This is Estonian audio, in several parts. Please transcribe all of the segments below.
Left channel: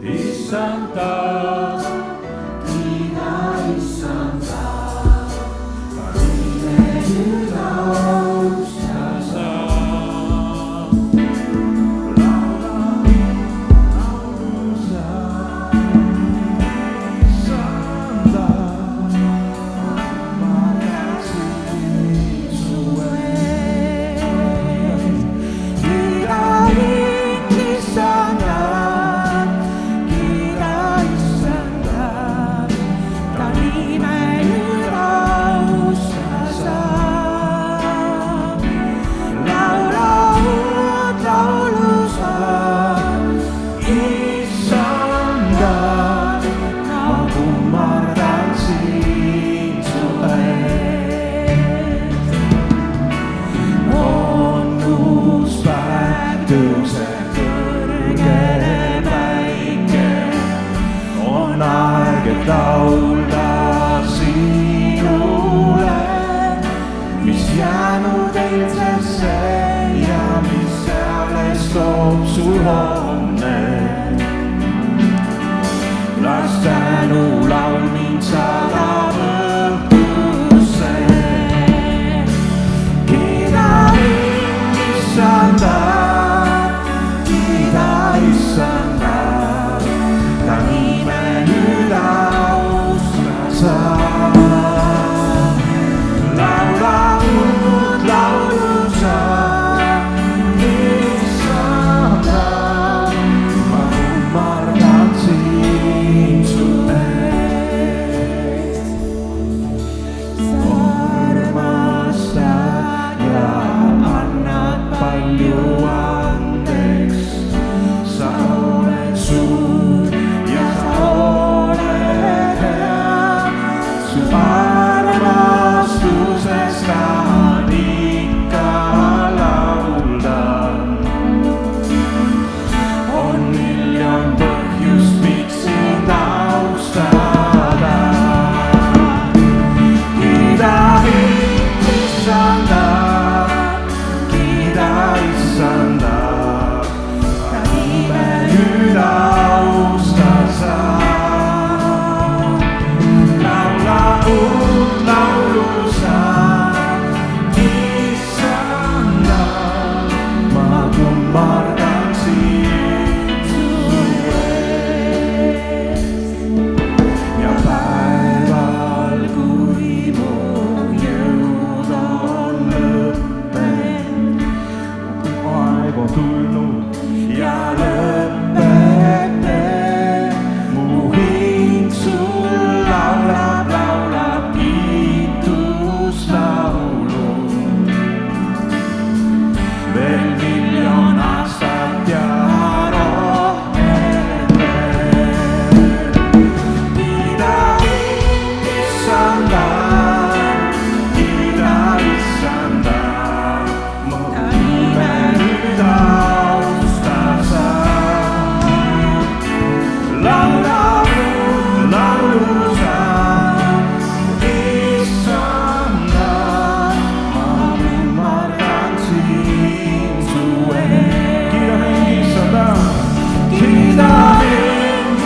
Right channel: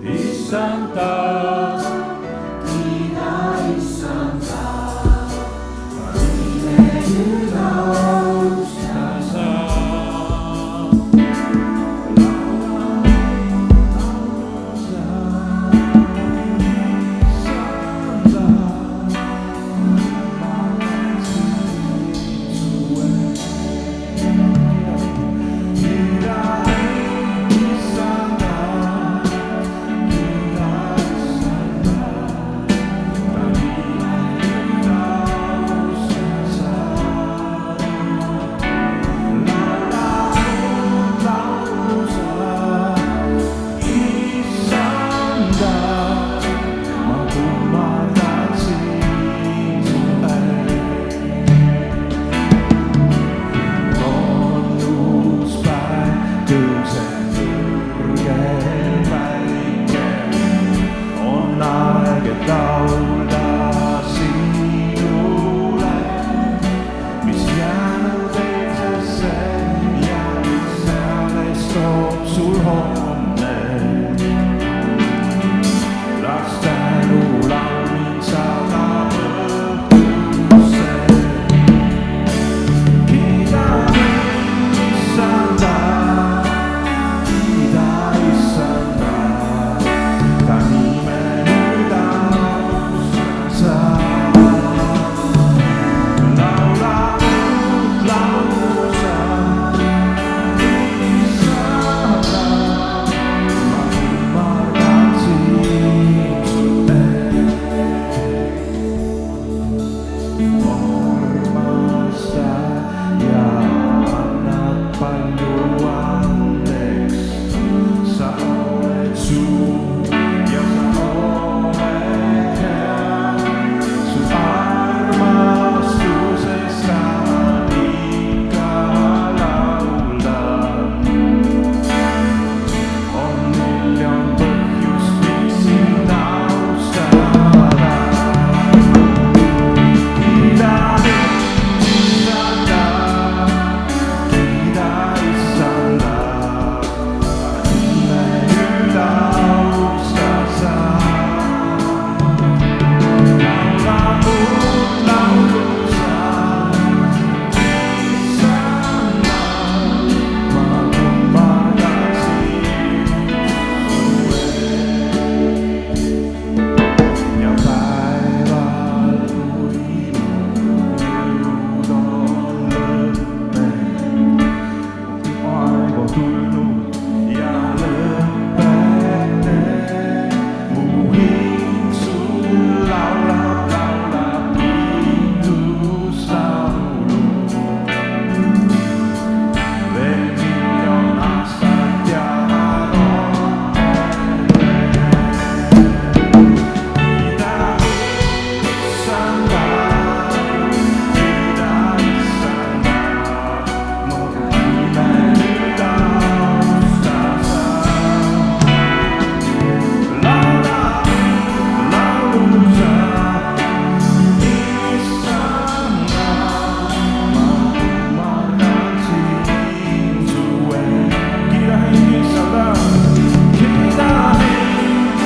Issanda, kiida Issanda, ka nime nüüd austa sa. Laula laulu sa, Issanda, ma tansin su ees. Kiida Issanda, kiida Issanda, ta nime nüüd austa sa. Laula uut laulu sa, Issanda, ma kummardan sind su ees. On uus päev, tõuseb kõrge päike, on aeg, et laulda sinule, mis jäänud eilsesse ja mis alles toob sul homne. Las tänulaul mind saadab õhtusse. Kiida mind, Issanda, kiida Issanda, ta nime nüüd austa sa. Laula uut laulu sa, Issanda, ma kummardan sind su ees. Armastad ja annad palju andeks, sa oled suur ja sa oled hea, su armastusest tahan ikka laulda. On miljon põhjust, miks sind austada. Kiida Issanda, kiida Issanda, ta nime nüüd austa sa. Laula uut laulu sa, Issanda, ma kummardan sind su ees. Ja päeval, kui mu jõud on lõppenud, aeg on tulnud ja lõpete, mu hing sul laulab, laulab kiituslaulu. Veel miljon aastat ja rohkem veel. Kiida Issanda, kiida Issanda, mu nime nüüd austa sa. Laula uut laulu sa, Issanda, ma kummardan sind su ees. Kiida Issanda, kiida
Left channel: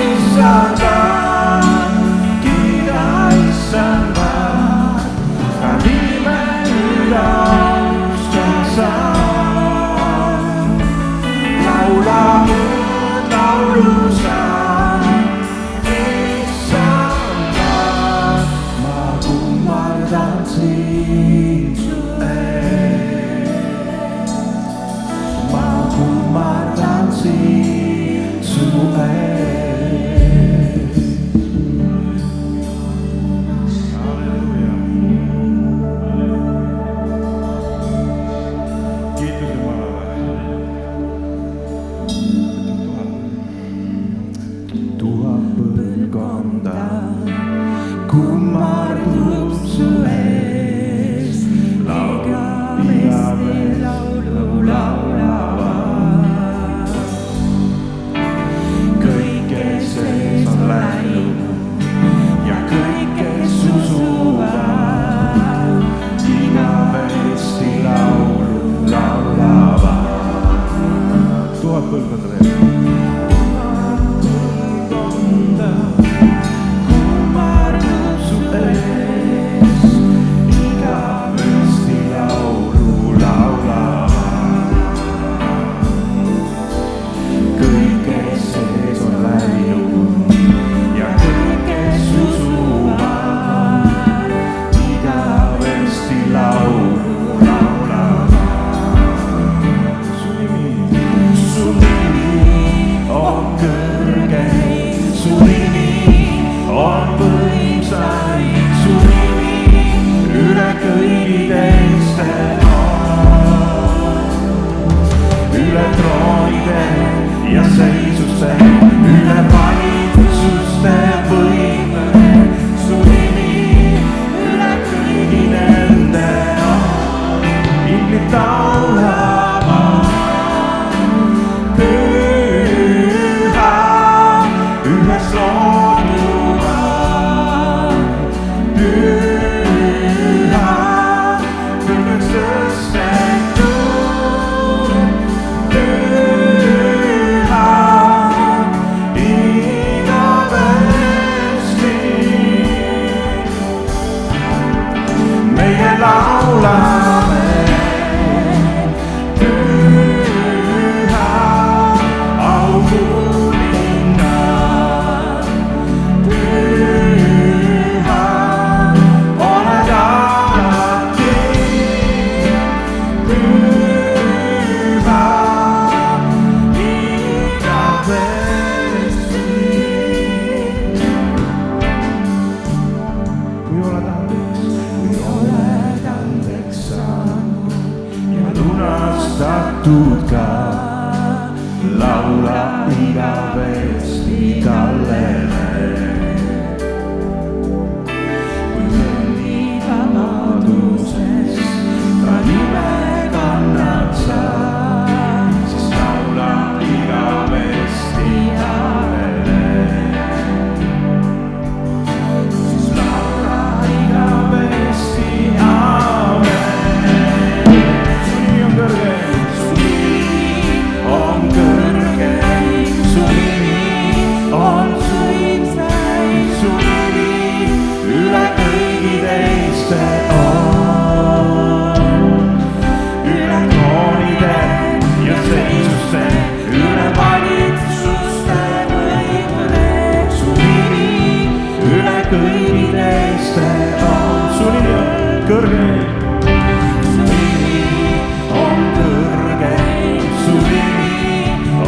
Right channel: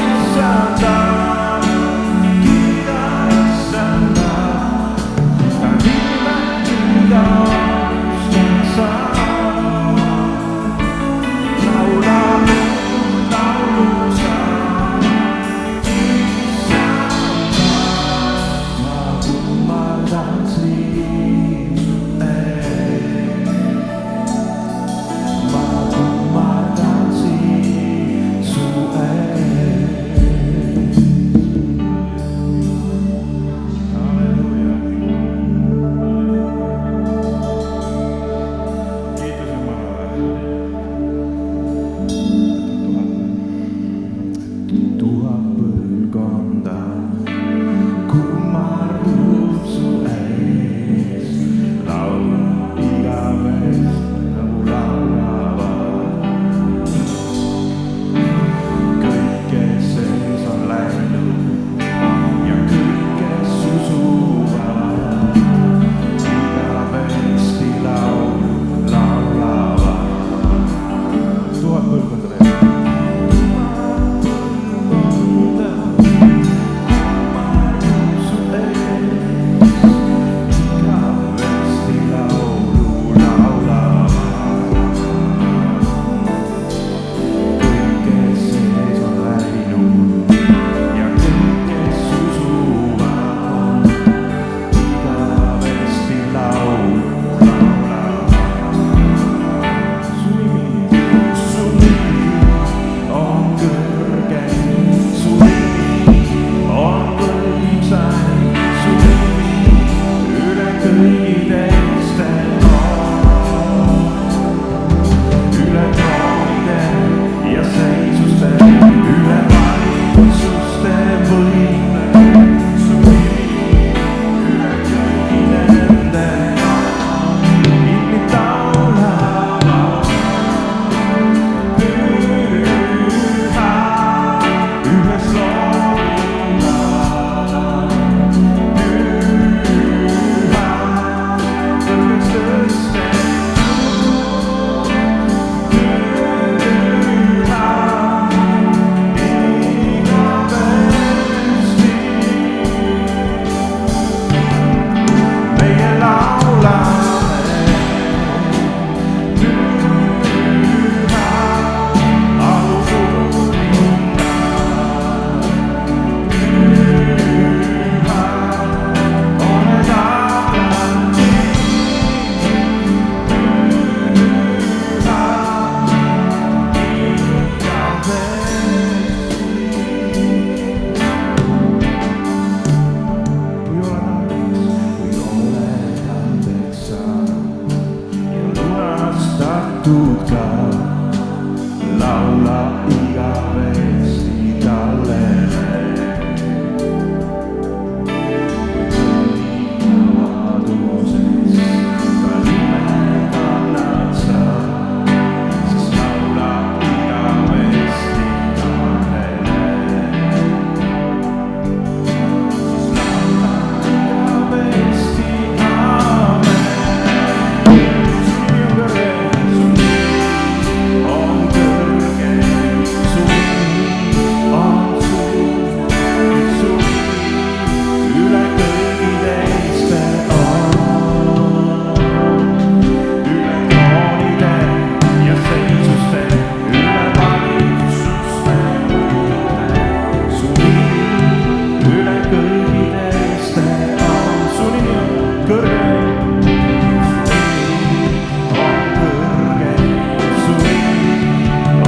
Issanda, kiida Issanda, ta nime nüüd austa sa. Laula uut laulu sa, Issanda, ma kummardan sind su ees. Ma kummardan sind su ees. Halleluuja. Kiitus Jumalale. Tuhat põlvkonda kummardub su ees, laulab igavesti nagu laulavad. Kõik, kes sees on läinud ja kõik, kes usuvad, igavesti laulu laulavad. Tuhat põlvkonda veel. seisuste üle valitsuste võime, su nimi üle kõigi nende on, inglid laulama. Püha, ühes looduga, püha, kõrgeks tõstetud, püha, igavesti. meie laulame, püha, aukuningas, püha, oled alati, püha, igavesti. kui oled andeks saanud ja lunastatud ka, laula igavesti talle. kui kõnnid vabaduses ta nime kannad sa, siis laula igavesti talle. siis laula igavesti, aamen. su nimi on kõrge, su nimi on kõrge, su nimi on suur, su nimi üle kõigi teiste on, üle troonide ja seisuste, üle valitsuste võime, su nimi üle kõigi teiste on, su nimi on kõrge, su nimi on kõrge, su nimi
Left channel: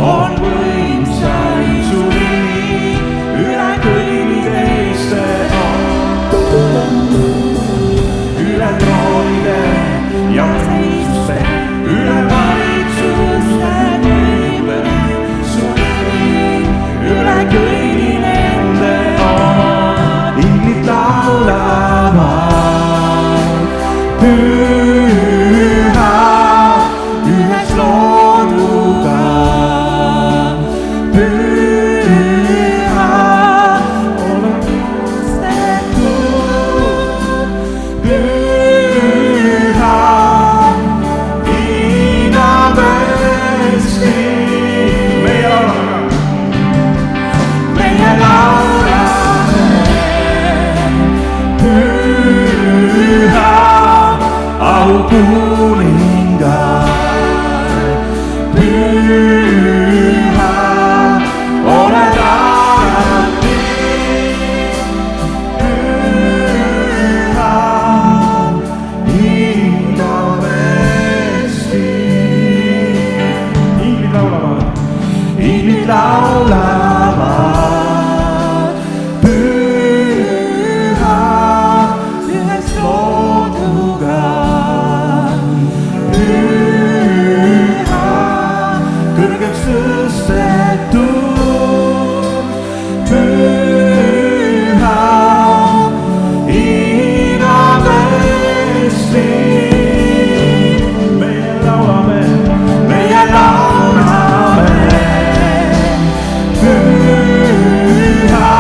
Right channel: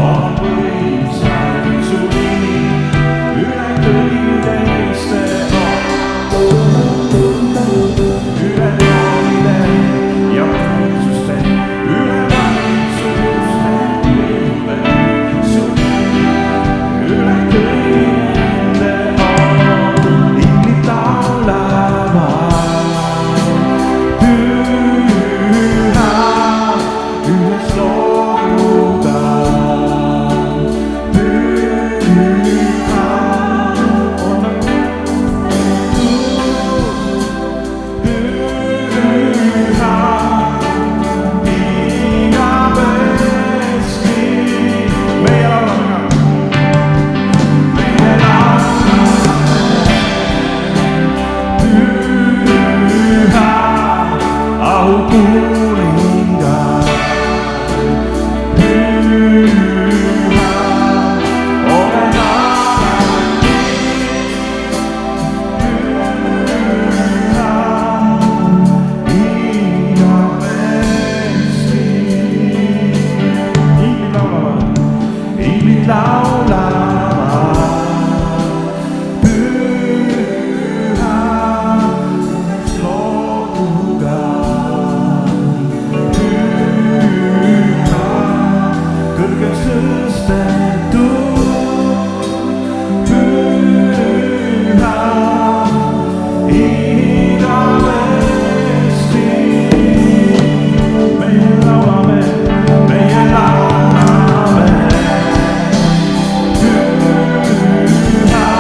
on võimsaim, su nimi üle kõigi teiste on, üle troonide ja valitsuste, üle valitsuste võime, su nimi üle kõigi nende on, inglid laulavad, püha, ühes looduga, püha, oled tõstetud, püha, igavesti. meie laulame ka, meie laulame, püha, aukuningas, püha, oled alati, püha, igavesti. inglid laulavad, inglid laulavad, püha, ühes looduga, püha, kõrgeks tõstetud, püha, igavesti. meie laulame, püha,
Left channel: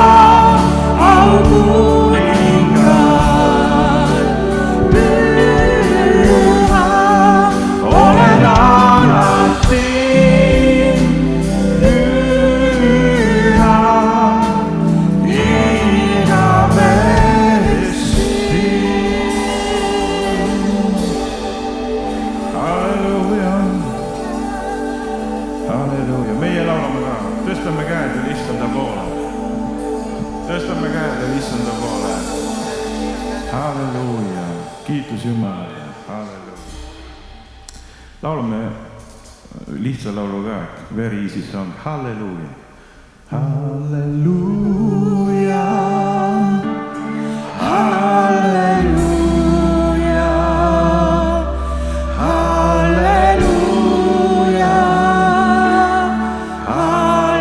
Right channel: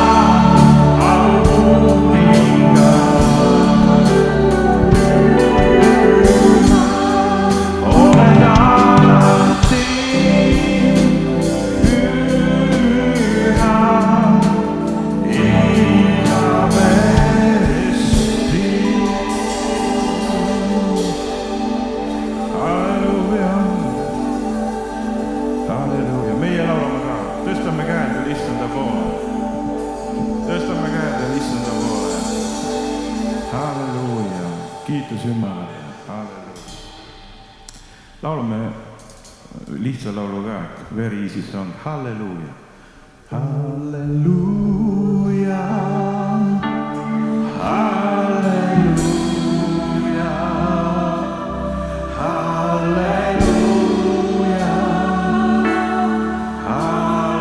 aukuningas, püha, oled alati, püha, igavesti. halleluuja, halleluuja. meie laulame ka, tõstame käed veel issanda poole, tõstame käed veel issanda poole. halleluuja, kiitus Jumalale, halleluuja. laulame lihtsa laulu ka, very easy song, halleluuja, halleluuja, halleluuja, halleluuja, halleluuja.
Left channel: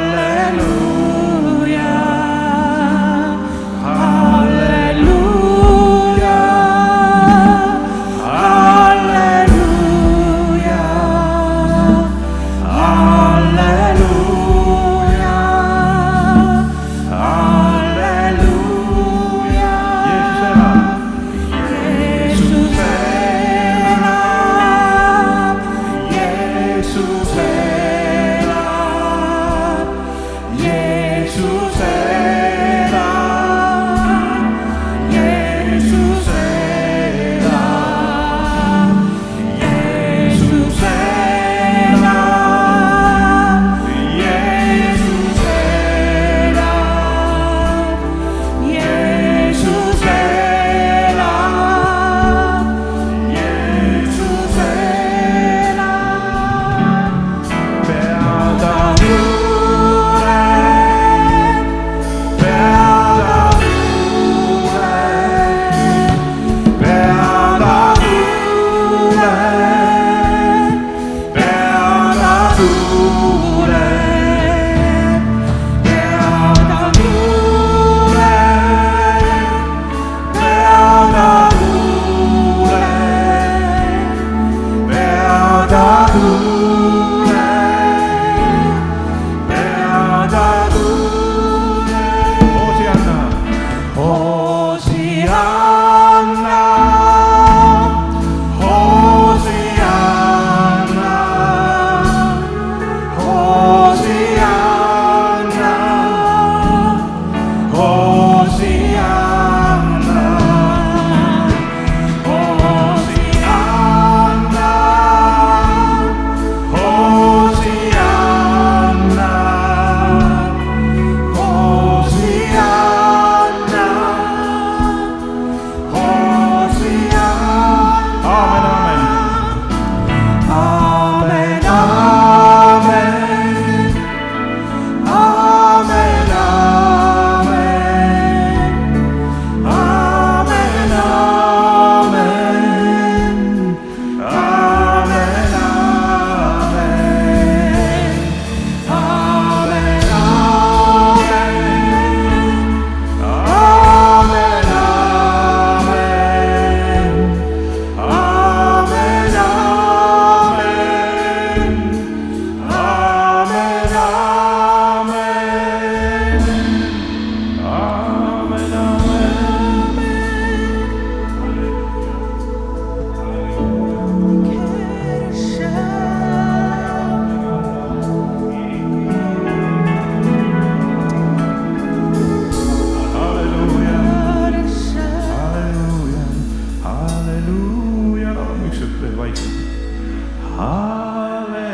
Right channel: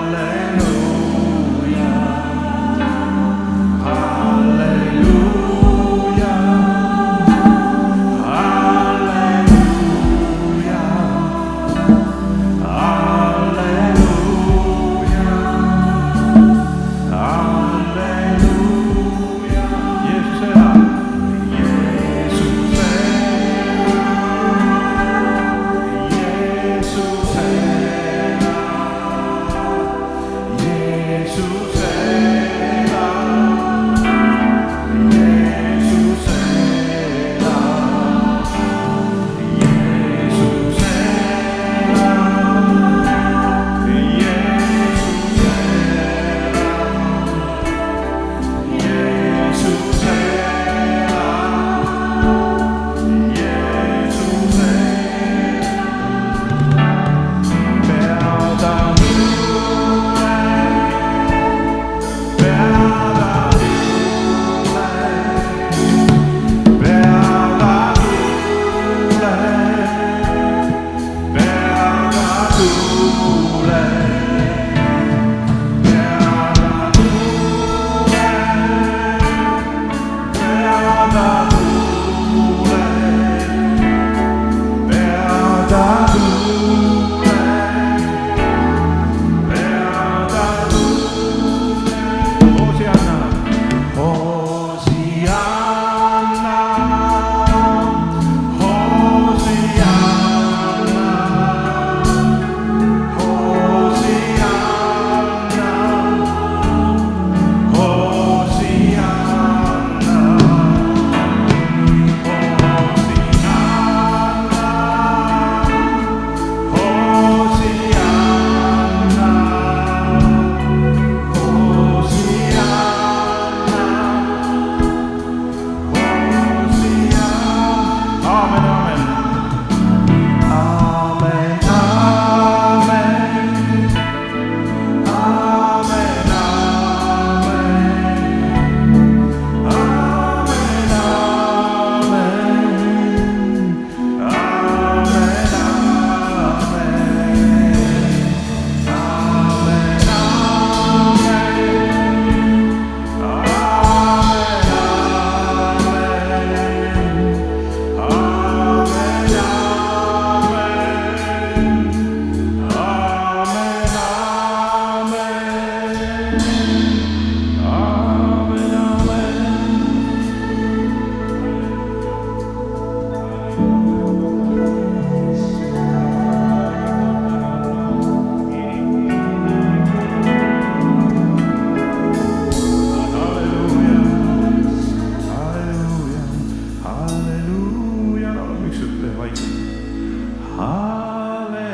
Halleluja.